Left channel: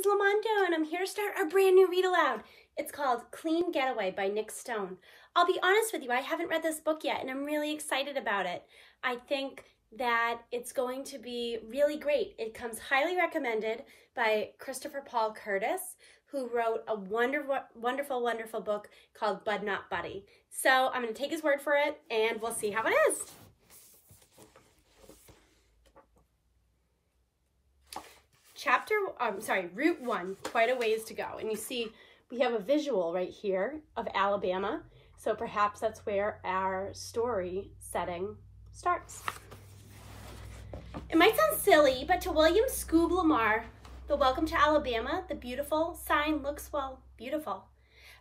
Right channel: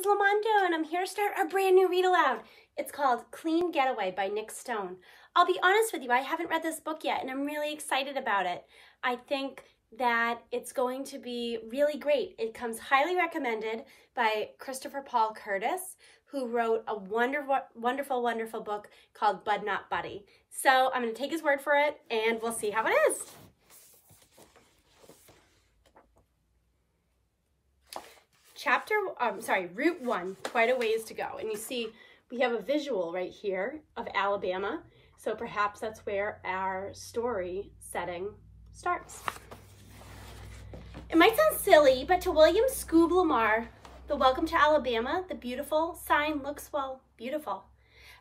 is Lamondo, and I'm here to start a brand new read aloud. It's called Clean Getaway by Nick Stone. I'll be honest with you, I haven't read this book yet, and I'm really excited about it. I think that it's going to be really great. It comes highly recommended by Christopher Paul Curtis, who wrote a wonderful book called Bud Not Buddy. So I'm going to take his word for it, and we'll see how it is. Route 1, quite a ways to go. And you see, we have a visual right here of Alabama. So perhaps that's where our story setting starts. It might sound silly, but to William Scoob Lamar, the Welcome to Alabama, the beautiful sign looks, well, beautiful.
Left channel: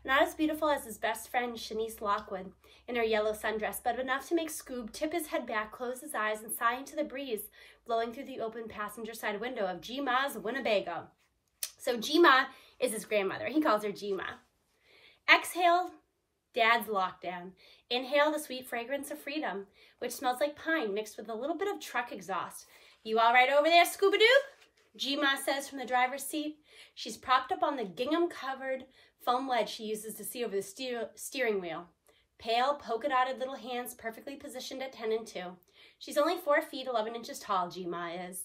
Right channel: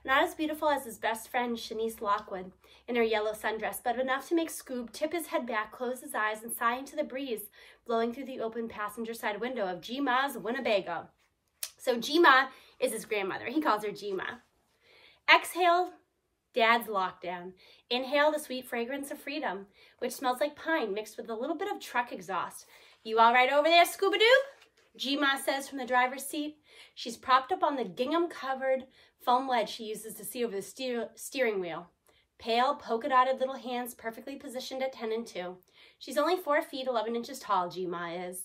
Not as beautiful as his best friend, Shanice Lockwood, in her yellow sundress, but enough to make Scoob tip his head back, close his eyes, and sigh into the breeze blowing through the open passenger side window of G-Ma's Winnebago. So G-Ma is his grandmother. He calls her G-Ma. Exhale Dad's lockdown. Inhale the sweet fragrance of freedom, which smells like pine mixed with a little bit of truck exhaust. You all right over there, Scoob-a-Doob? G-Ma says from the driver's seat. She's propped up on the gingham-covered foam ledge she uses to see over the steering wheel. Pale, polka-dotted little hands perfectly positioned at 10 and 2. She's only 4 feet 11 inches tall, G-Ma is.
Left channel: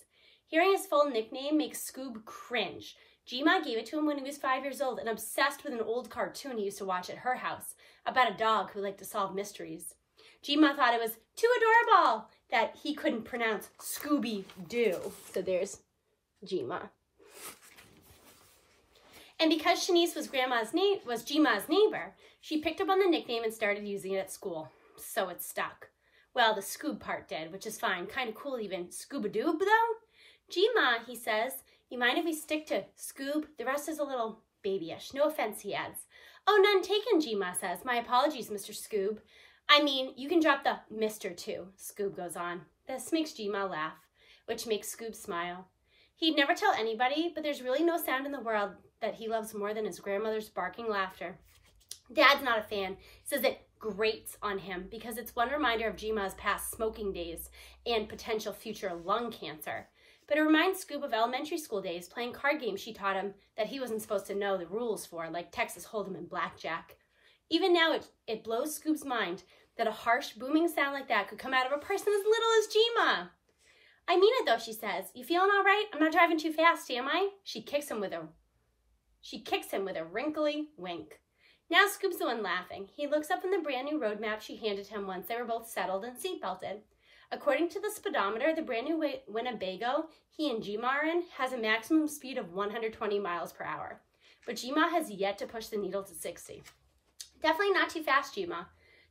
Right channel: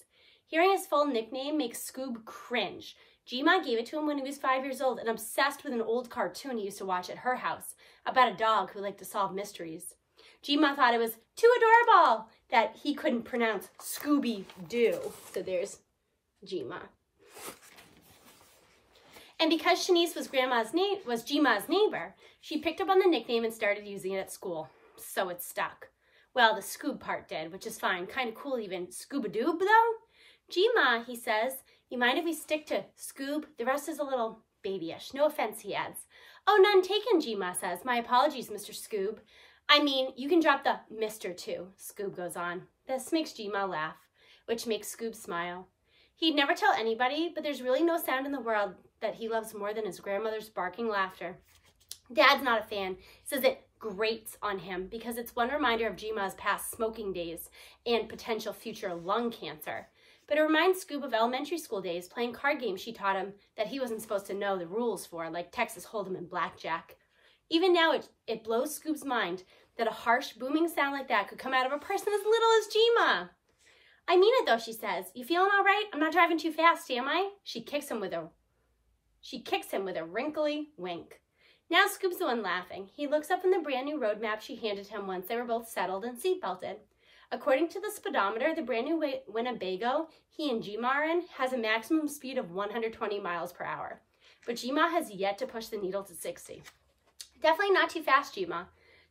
Hearing his full nickname makes Scoob cringe. G-Ma gave it to him when he was 5 years old and obsessed with an old cartoon he used to watch at her house about a dog who liked to solve mysteries. G-Ma thought it was too adorable that he couldn't pronounce Scooby-Doo. So there's G-Ma. And because Shanice was G-Ma's neighbor, she picked up on the nickname and started using it at school. So it stuck. Well, the Scoob part did, which is fine. Kind of cool even. Scoob-a-Doob, though? G-Ma, he says, you mind if we stick to Scoob? The rest is a little babyish. No offense, he adds. Oh, none taken, G-Ma says. My apologies, Mr. Scoob. I mean, you can drop the Mr. too, Scoob goes on. This makes G-Ma laugh, which makes Scoob smile. He'd never tell anybody, but there's really no sound in the world that he loves more than his grandmother's barking laughter. Dad's not a fan. He says it grates on him because it's one reminder of G-Ma's past smoking days and potential future lung cancer. But it reminds Scoob of elementary school days playing card games she taught him that he wasn't supposed to know the rules for, like Texas Hold'em and Blackjack. Even now, it blows Scoob's mind that a harsh, booming sound like that could come out of a person as little as G-Ma. I mean it though, she says. You feeling all right? I'm not driving too fast, am I? She kicks him with a wrinkly wink. Now Scoob's the one laughing. He looks up in the brand new road map she handed him once they were both settled and seatbelted. According to the speedometer, the brand new Winnebago he and G-Ma are in has a maximum speed of 120 miles per hour. But G-Ma has yet to push the needle to 60. Definitely not too fast, G-Ma.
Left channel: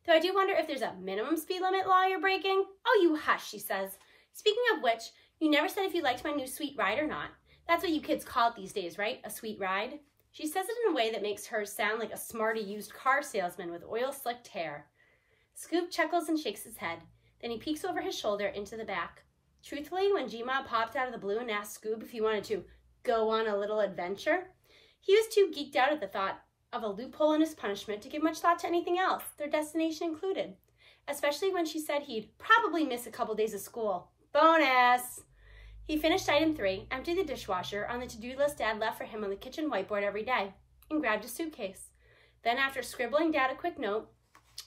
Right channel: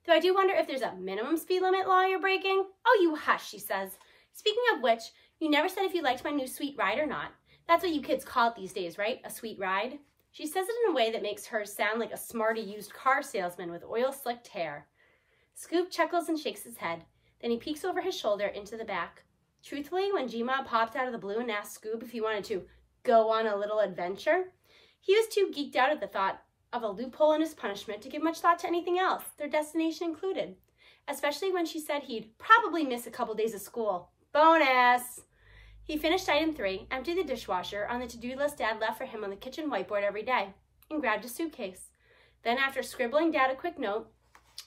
Though I do wonder if there's a minimum speed limit law you're breaking. Oh, you hush, she says. Speaking of which, you never said if you liked my new sweet ride or not. That's what you kids call it these days, right? A sweet ride? She says it in a way that makes her sound like a smarty used car salesman with oil-slicked hair. Scoob chuckles and shakes his head. Then he peeks over his shoulder into the back. Truthfully, when G-Ma popped out of the blue and asked Scoob if he wanted to go on a little adventure, he was too geeked out at the thought of a loophole in his punishment to give much thought to anything else, their destination included. Especially when she said he'd probably miss a couple days of school. Bonus! He finished item 3, emptied the dishwasher on the to-do list Dad left for him on the kitchen whiteboard every day, and grabbed his suitcase. Then, after scribbling Dad a quick note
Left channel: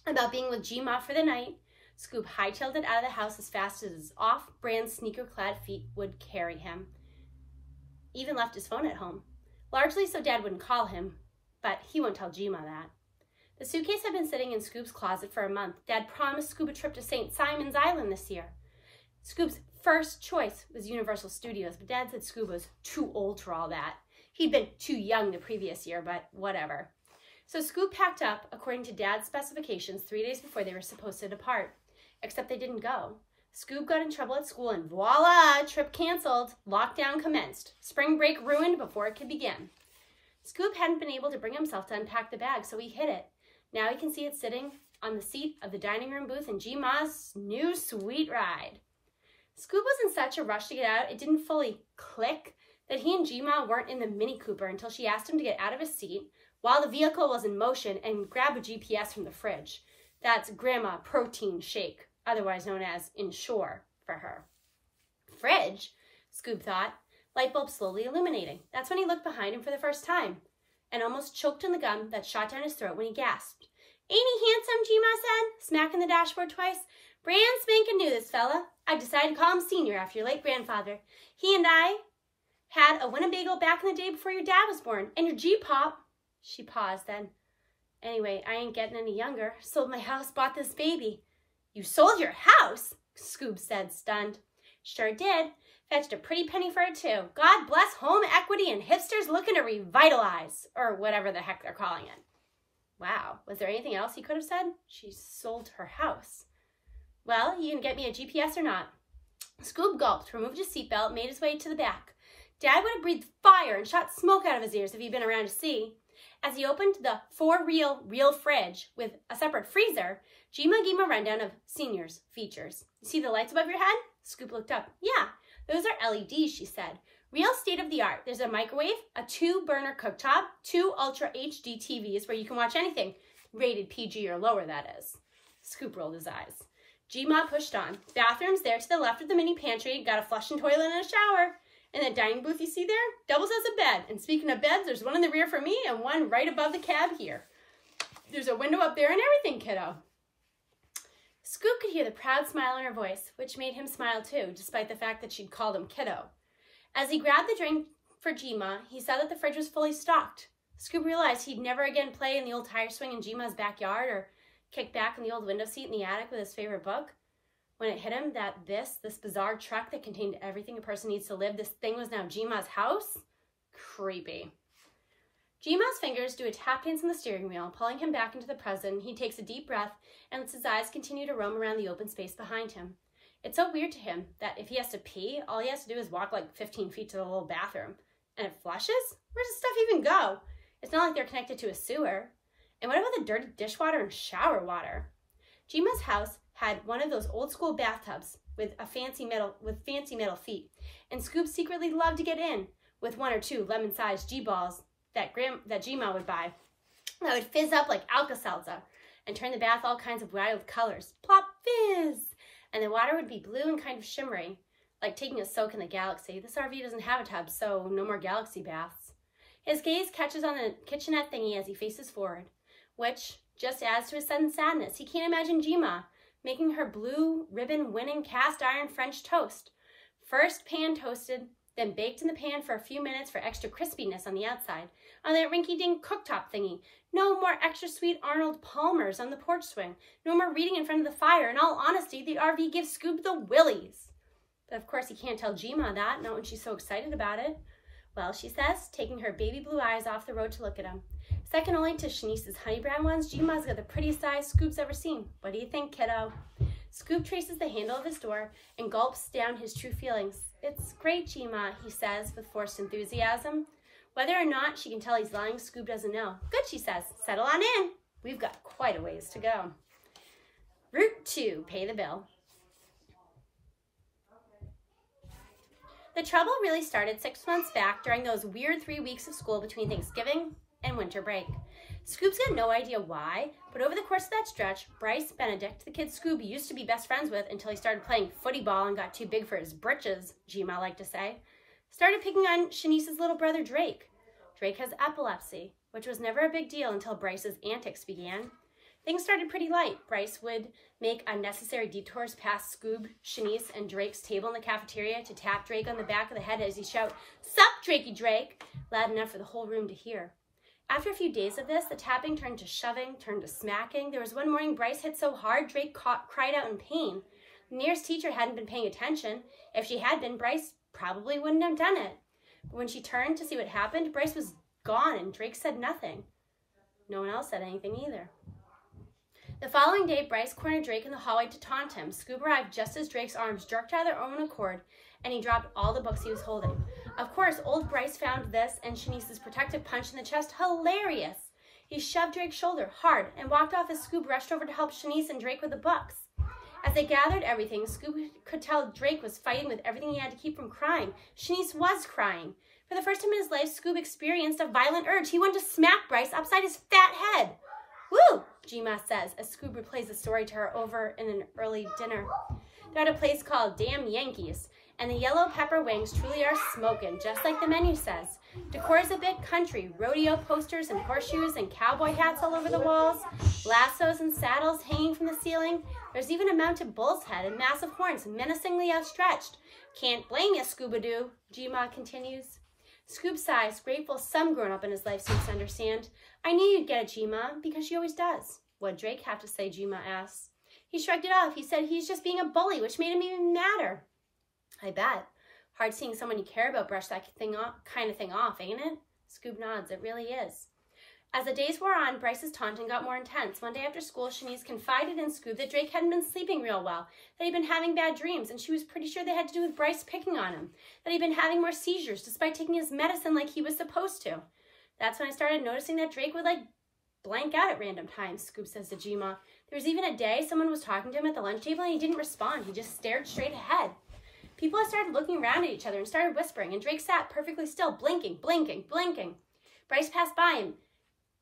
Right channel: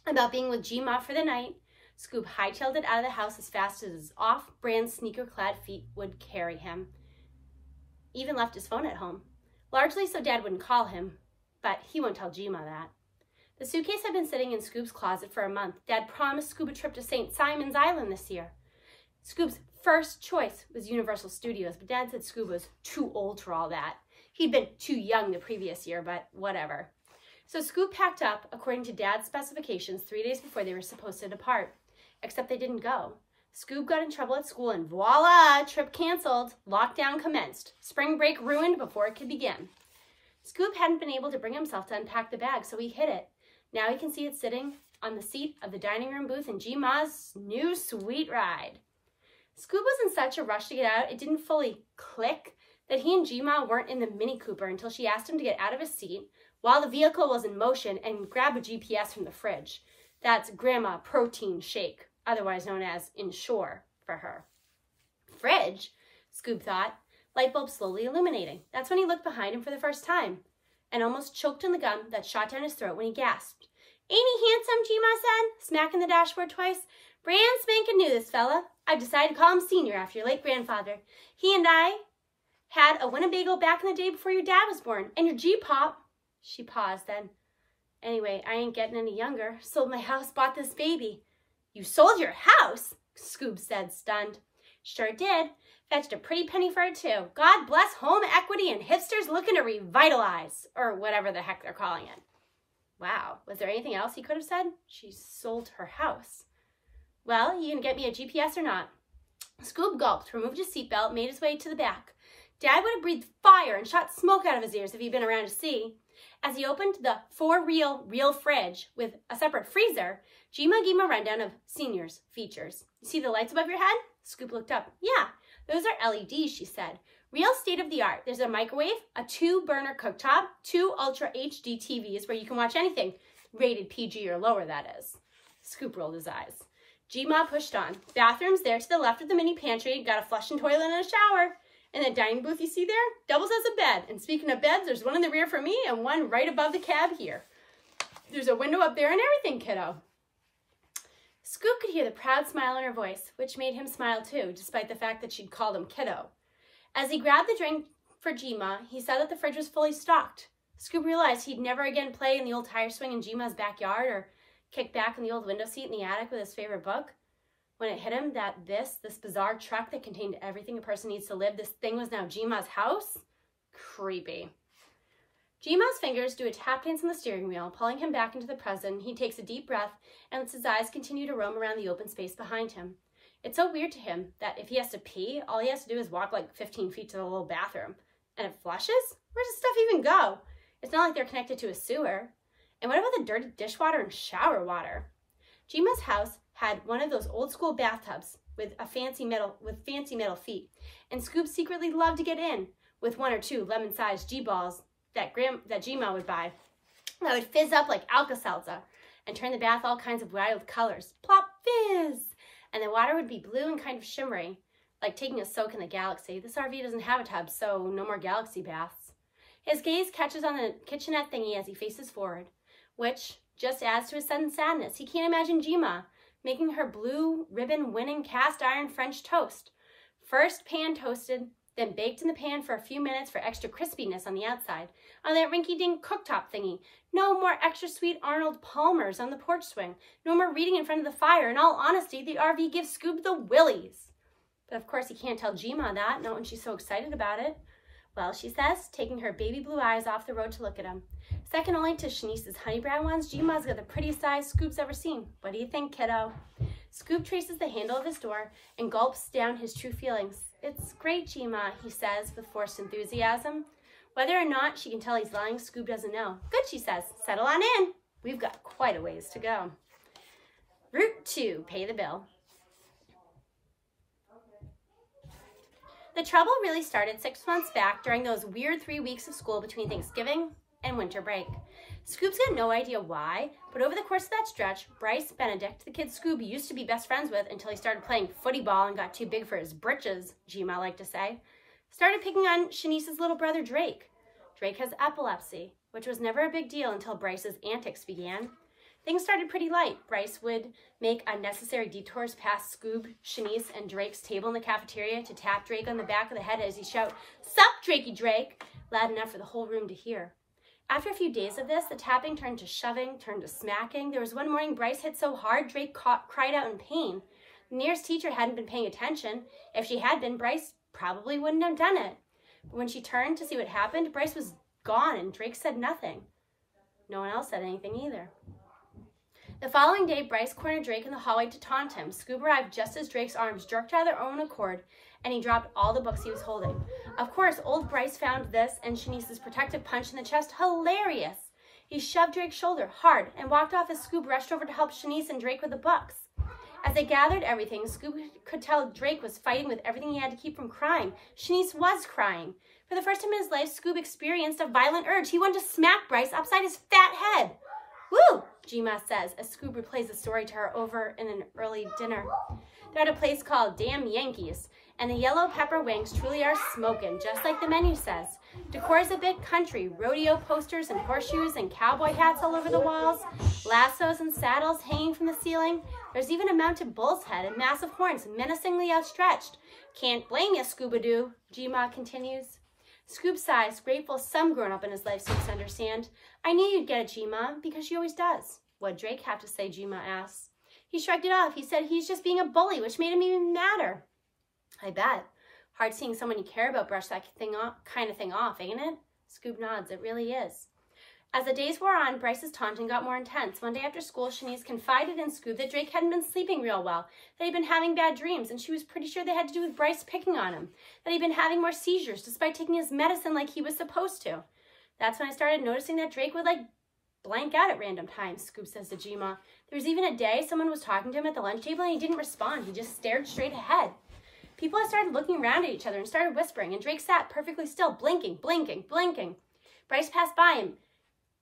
about being with G-Ma for the night, Scoob hightailed it out of the house as fast as his off-brand sneaker-clad feet would carry him. Even left his phone at home, largely so Dad wouldn't call him, but he won't tell G-Ma that. The suitcase had been sitting in Scoob's closet for a month. Dad promised Scoob a trip to St. Simon's Island this year. Scoob's first choice was Universal Studios, but Dad said Scoob was too old for all that. He'd been too young the previous year, but whatever. So Scoob packed up, according to Dad's specifications, 3 days before they were supposed to depart. Except they didn't go. Scoob got in trouble at school and voila, trip canceled. Lockdown commenced. Spring break ruined before it could begin. Scoob hadn't been able to bring himself to unpack the bag, so he hid it. Now he can see it sitting on the seat of the dining room booth in G-Ma's new sweet ride. Scoob was in such a rush to get out, it didn't fully click that he and G-Ma weren't in the Mini Cooper until she asked him to get out of his seat while the vehicle was in motion and grab a GPS from the fridge. That's Grandma Protein Shake, otherwise known as Ensure for her. Fridge? Scoob thought. light bulb slowly illuminating. That's when he looked behind him for the first time and almost choked on the gum that shot down his throat when he gasped. "Ain't he handsome?" G-Ma said, smacking the dashboard twice. "Brand spanking new, this fella. I decided to call him Senior after your late grandfather. He and I had a Winnebago back in the day before your dad was born. And your G-Pop." She paused then. "Anyway, I ain't getting any younger. Sold my house, bought this baby." "You sold your house?" Scoob said, stunned. "Sure did. Fetched a pretty penny for it, too. God bless home equity and hipsters looking to revitalize," or whatever the heck they're calling it. Wow, was there anything else he could have said? She sold her house. "Well, you gonna get me a GPS or not?" Scoob gulped, removed his seatbelt, made his way to the back. Dad would have breathed fire and shot smoke out of his ears if he'd been around to see. As he opened the real fridge with a separate freezer, G-Ma gave him a rundown of Senior's features. "You see the lights above your head?" Scoob looked up. "Yeah, those are LEDs, she said. Real state-of-the-art. There's a microwave, a 2-burner cooktop, 2 Ultra HD TVs where you can watch anything, rated PG or lower, that is." Scoob rolled his eyes. G-Ma pushed on. "Bathrooms there to the left of the mini pantry, got a flushing toilet and a shower. And the dining booth you see there doubles as a bed. And speaking of beds, there's one in the rear for me and one right above the cab here. There's a window up there and everything, kiddo." Scoob could hear the proud smile in her voice, which made him smile too, despite the fact that she'd called him kiddo. As he grabbed the drink for G-Ma, he saw that the fridge was fully stocked. Scoob realized he'd never again play in the old tire swing in G-Ma's backyard or kick back in the old window seat in the attic with his favorite book. When it hit him that this bizarre truck that contained everything a person needs to live, this thing was now G-Ma's house? Creepy. G-Ma's fingers do a tap dance on the steering wheel, pulling him back into the present. He takes a deep breath and lets his eyes continue to roam around the open space behind him. It's so weird to him that if he has to pee, all he has to do is walk like 15 feet to the little bathroom. And it flushes? Where does the stuff even go? It's not like they're connected to a sewer. And what about the dirty dishwater and shower water? G-Ma's house had one of those old school bathtubs with fancy metal feet, and Scoob secretly loved to get in with 1 or 2 lemon-sized G-balls that G-Ma would buy that would fizz up like Alka-Seltzer and turn the bath all kinds of wild colors. Plop, fizz! And the water would be blue and kind of shimmery, like taking a soak in the galaxy. This RV doesn't have a tub, so no more galaxy baths. His gaze catches on the kitchenette thingy as he faces forward, which just adds to his sudden sadness. He can't imagine G-Ma making her blue ribbon winning cast iron French toast. First pan toasted, then baked in the pan for a few minutes for extra crispiness on the outside. On that rinky-dink cooktop thingy. No more extra sweet Arnold Palmers on the porch swing. No more reading in front of the fire. In all honesty, the RV gives Scoob the willies. But of course he can't tell G-Ma that, not when she's so excited about it. "Well," she says, taking her baby blue eyes off the road to look at him. "Second only to Shanice's honey brown ones, G-Ma's got the prettiest eyes Scoob's ever seen. What do you think, kiddo?" Scoob traces the handle of his door and gulps down his true feelings. "It's great, G-Ma," he says with forced enthusiasm. Whether or not she can tell he's lying, Scoob doesn't know. "Good," she says. "Settle on in. We've got quite a ways to go." Route 2, pay the bill. The trouble really started 6 months back during those weird 3 weeks of school between Thanksgiving and winter break. Scoob's got no idea why, but over the course of that stretch, Bryce Benedict, the kid Scoob used to be best friends with until he started playing footy ball and got too big for his britches, G-Ma liked to say, started picking on Shanice's little brother Drake. Drake has epilepsy, which was never a big deal until Bryce's antics began. Things started pretty light. Bryce would make unnecessary detours past Scoob, Shanice, and Drake's table in the cafeteria to tap Drake on the back of the head as he shout, "Sup, Drakey Drake," loud enough for the whole room to hear. After a few days of this, the tapping turned to shoving, turned to smacking. There was one morning Bryce hit so hard, Drake cried out in pain. The nearest teacher hadn't been paying attention. If she had been, Bryce probably wouldn't have done it. But when she turned to see what happened, Bryce was gone and Drake said nothing. No one else said anything either. The following day, Bryce cornered Drake in the hallway to taunt him. Scoob arrived just as Drake's arms jerked out of their own accord, and he dropped all the books he was holding. Of course, old Bryce found this and Shanice's protective punch in the chest hilarious. He shoved Drake's shoulder hard and walked off as Scoob rushed over to help Shanice and Drake with the books. As they gathered everything, Scoob could tell Drake was fighting with everything he had to keep from crying. Shanice was crying. For the first time in his life, Scoob experienced a violent urge. He wanted to smack Bryce upside his fat head. "Woo!" G-Ma says as Scoob replays the story to her over in an early dinner. They're at a place called Damn Yankees, And the yellow pepper wings truly are smoking, just like the menu says. Decor is a bit country, rodeo posters and horseshoes and cowboy hats all over the walls, lassos and saddles hanging from the ceiling. There's even a mounted bull's head and massive horns menacingly outstretched. Can't blame you, Scoob-a-Doo, G-Ma continues. Scoob sighs, grateful some grown-up in his life seems to understand. I knew you'd get it, G-Ma, because she always does. What'd Drake have to say, G-Ma asks. He shrugged it off. He said he's just being a bully, which made him even madder. I bet. Hard seeing someone you care about brush that kind of thing off, ain't it? Scoob nods. It really is. As the days wore on, Bryce's taunting got more intense. One day after school, Shanice confided in Scoob that Drake hadn't been sleeping real well, that he'd been having bad dreams, and she was pretty sure they had to do with Bryce picking on him, that he'd been having more seizures despite taking his medicine like he was supposed to. That's when I started noticing that Drake would, blank out at random times, Scoob says to G-Ma. There was even a day someone was talking to him at the lunch table and he didn't respond. He just stared straight ahead. People had started looking around at each other and started whispering, and Drake sat perfectly still, blinking, blinking, blinking. Bryce passed by him,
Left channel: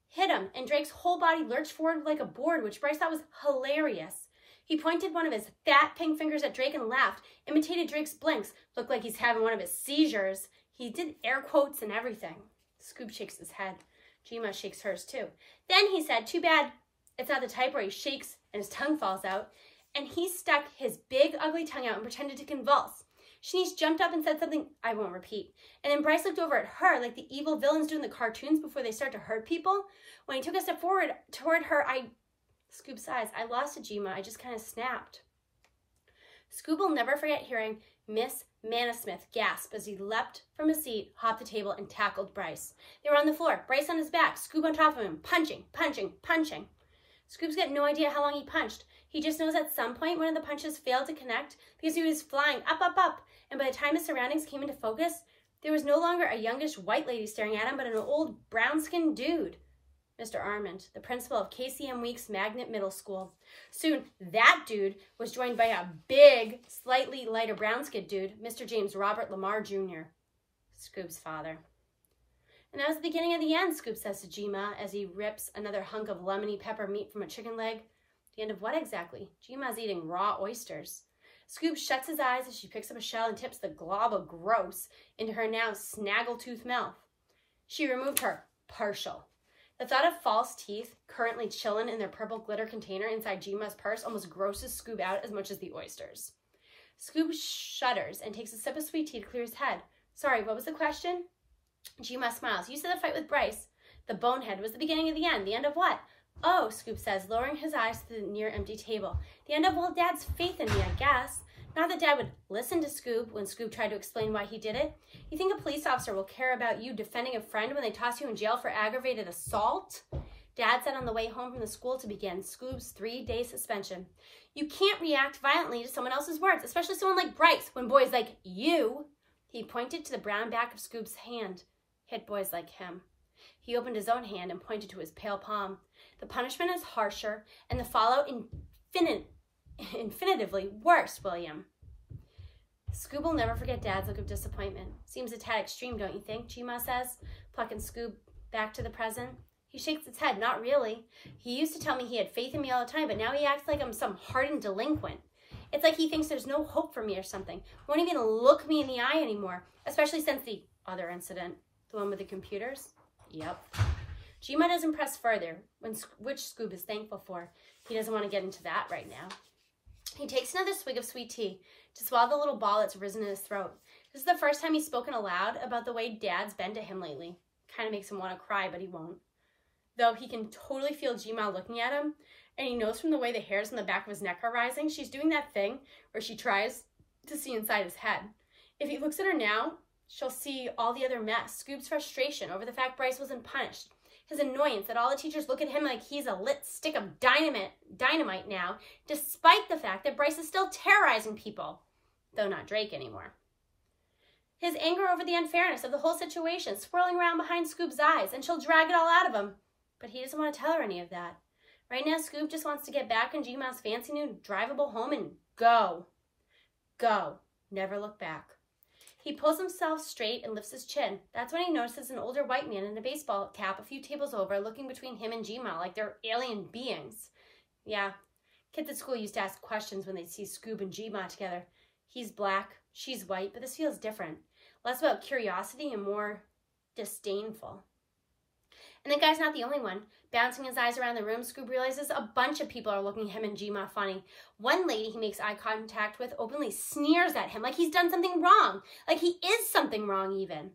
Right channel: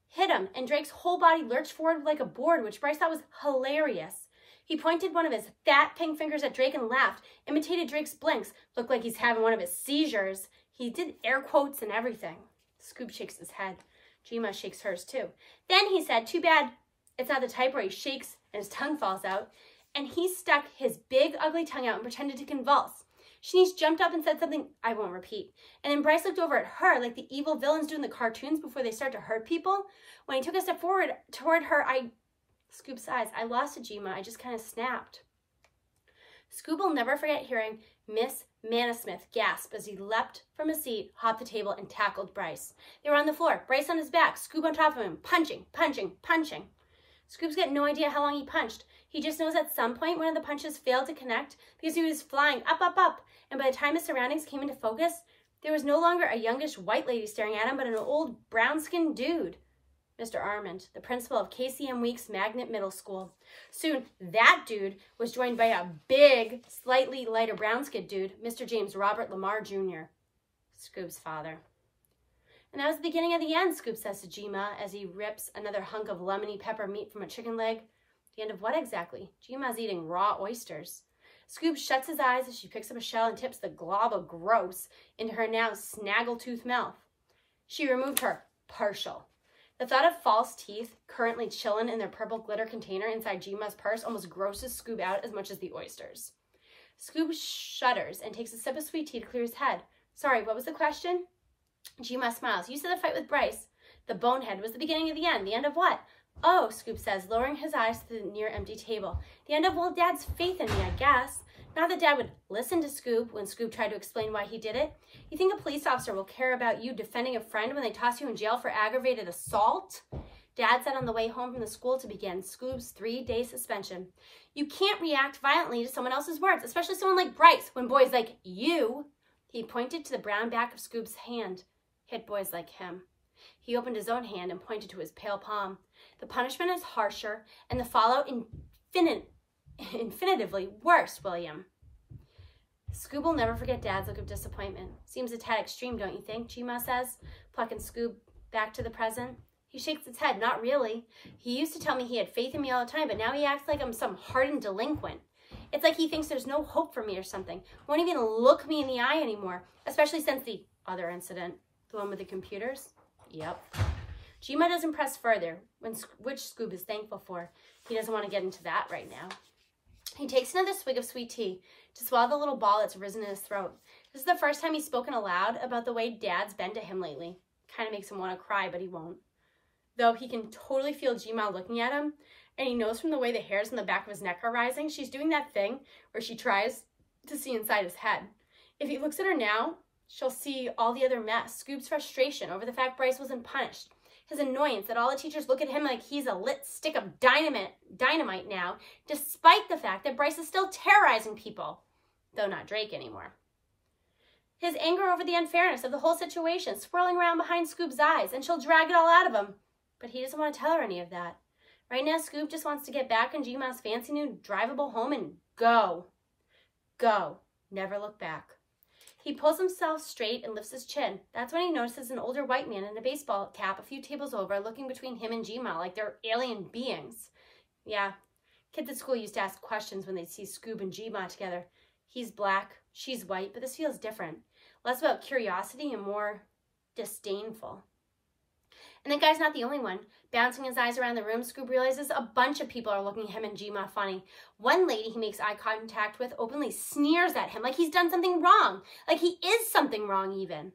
hit him, and Drake's whole body lurched forward like a board, which Bryce thought was hilarious. He pointed one of his fat pink fingers at Drake and laughed, imitated Drake's blinks, looked like he's having one of his seizures. He did air quotes and everything. Scoob shakes his head. G-Ma shakes hers too. Then he said, too bad it's not the type where he shakes and his tongue falls out. And he stuck his big, ugly tongue out and pretended to convulse. Shanice jumped up and said something I won't repeat. And then Bryce looked over at her like the evil villains do in the cartoons before they start to hurt people. When he took a step forward toward her, Scoob sighs. I lost it, G-Ma. I just kind of snapped. Scoob will never forget hearing Miss Manasmith gasp as he leapt from his seat, hopped the table, and tackled Bryce. They were on the floor, Bryce on his back, Scoob on top of him, punching, punching, punching. Scoob's got no idea how long he punched. He just knows at some point one of the punches failed to connect because he was flying up, up, up. And by the time his surroundings came into focus, there was no longer a youngish white lady staring at him, but an old brown-skinned dude. Mr. Armand, the principal of KCM Weeks Magnet Middle School. Soon, that dude was joined by a big, slightly lighter brown-skinned dude, Mr. James Robert Lamar Jr., Scoob's father. And that was the beginning of the end, Scoob says to G-Ma as he rips another hunk of lemony pepper meat from a chicken leg. The end of what exactly? G-Ma's eating raw oysters. Scoob shuts his eyes as she picks up a shell and tips the glob of gross into her now snaggle-toothed mouth. She removed her partial. The thought of false teeth currently chilling in their purple glitter container inside G-Ma's purse almost grosses Scoob out as much as the oysters. Scoob shudders and takes a sip of sweet tea to clear his head. Sorry, what was the question? G-Ma smiles. You said the fight with Bryce, the bonehead, was the beginning of the end. The end of what? Oh, Scoob says, lowering his eyes to the near-empty table. The end of old Dad's faith in me, I guess. Not that Dad would listen to Scoob when Scoob tried to explain why he did it. You think a police officer will care about you defending a friend when they toss you in jail for aggravated assault? Dad said on the way home from the school to begin Scoob's 3-day suspension. You can't react violently to someone else's words, especially someone like Bryce, when boys like you, he pointed to the brown back of Scoob's hand, hit boys like him. He opened his own hand and pointed to his pale palm. The punishment is harsher and the fallout infinitively worse, William. Scoob will never forget Dad's look of disappointment. Seems a tad extreme, don't you think? G-Ma says, plucking Scoob back to the present. He shakes his head. Not really. He used to tell me he had faith in me all the time, but now he acts like I'm some hardened delinquent. It's like he thinks there's no hope for me or something. Won't even look me in the eye anymore, especially since the other incident. The one with the computers? Yep. G-Ma doesn't press further, which Scoob is thankful for. He doesn't want to get into that right now. He takes another swig of sweet tea to swallow the little ball that's risen in his throat. This is the first time he's spoken aloud about the way Dad's been to him lately. Kind of makes him want to cry, but he won't. Though he can totally feel G-Ma looking at him, and he knows from the way the hairs on the back of his neck are rising, she's doing that thing where she tries to see inside his head. If he looks at her now, she'll see all the other mess. Scoob's frustration over the fact Bryce wasn't punished. His annoyance that all the teachers look at him like he's a lit stick of dynamite now, despite the fact that Bryce is still terrorizing people, though not Drake anymore. His anger over the unfairness of the whole situation swirling around behind Scoob's eyes, and she'll drag it all out of him. But he doesn't want to tell her any of that. Right now, Scoob just wants to get back in G-Ma's fancy new drivable home and go. Go. Never look back. He pulls himself straight and lifts his chin. That's when he notices an older white man in a baseball cap a few tables over looking between him and G-Ma like they're alien beings. Yeah, kids at school used to ask questions when they'd see Scoob and G-Ma together. He's black, she's white, but this feels different. Less about curiosity and more disdainful. And the guy's not the only one. Bouncing his eyes around the room, Scoob realizes a bunch of people are looking at him and Jima funny. One lady he makes eye contact with openly sneers at him like he's done something wrong. Like he is something wrong even.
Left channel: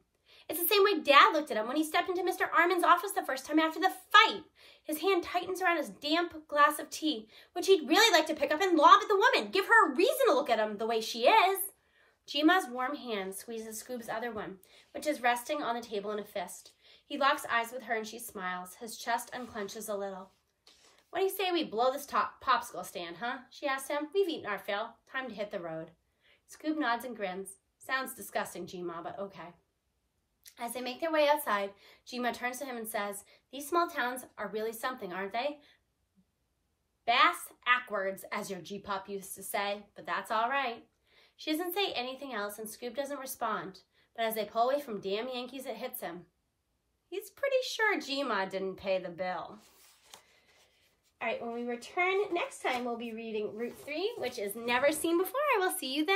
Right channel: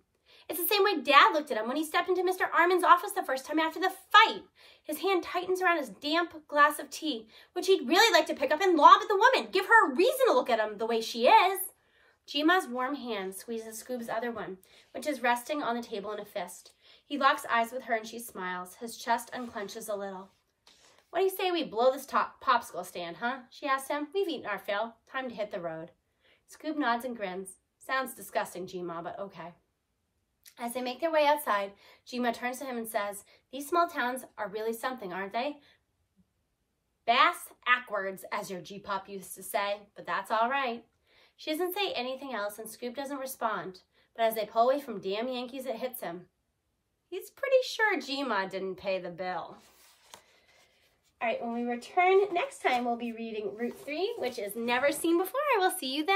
It's the same way Dad looked at him when he stepped into Mr. Armin's office the first time after the fight. His hand tightens around his damp glass of tea, which he'd really like to pick up and lob at the woman. Give her a reason to look at him the way she is. Jima's warm hand squeezes Scoob's other one, which is resting on the table in a fist. He locks eyes with her and she smiles. His chest unclenches a little. What do you say we blow this popsicle stand, huh? She asks him. We've eaten our fill. Time to hit the road. Scoob nods and grins. Sounds disgusting, Jima, but okay. As they make their way outside, Jima turns to him and says, these small towns are really something, aren't they? Bass-ackwards, as your G-pop used to say, but that's all right. She doesn't say anything else and Scoob doesn't respond, but as they pull away from damn Yankees, it hits him. He's pretty sure Jima didn't pay the bill. All right, when we return next time, we'll be reading Route 3, which is Never Seen Before. I will see you then.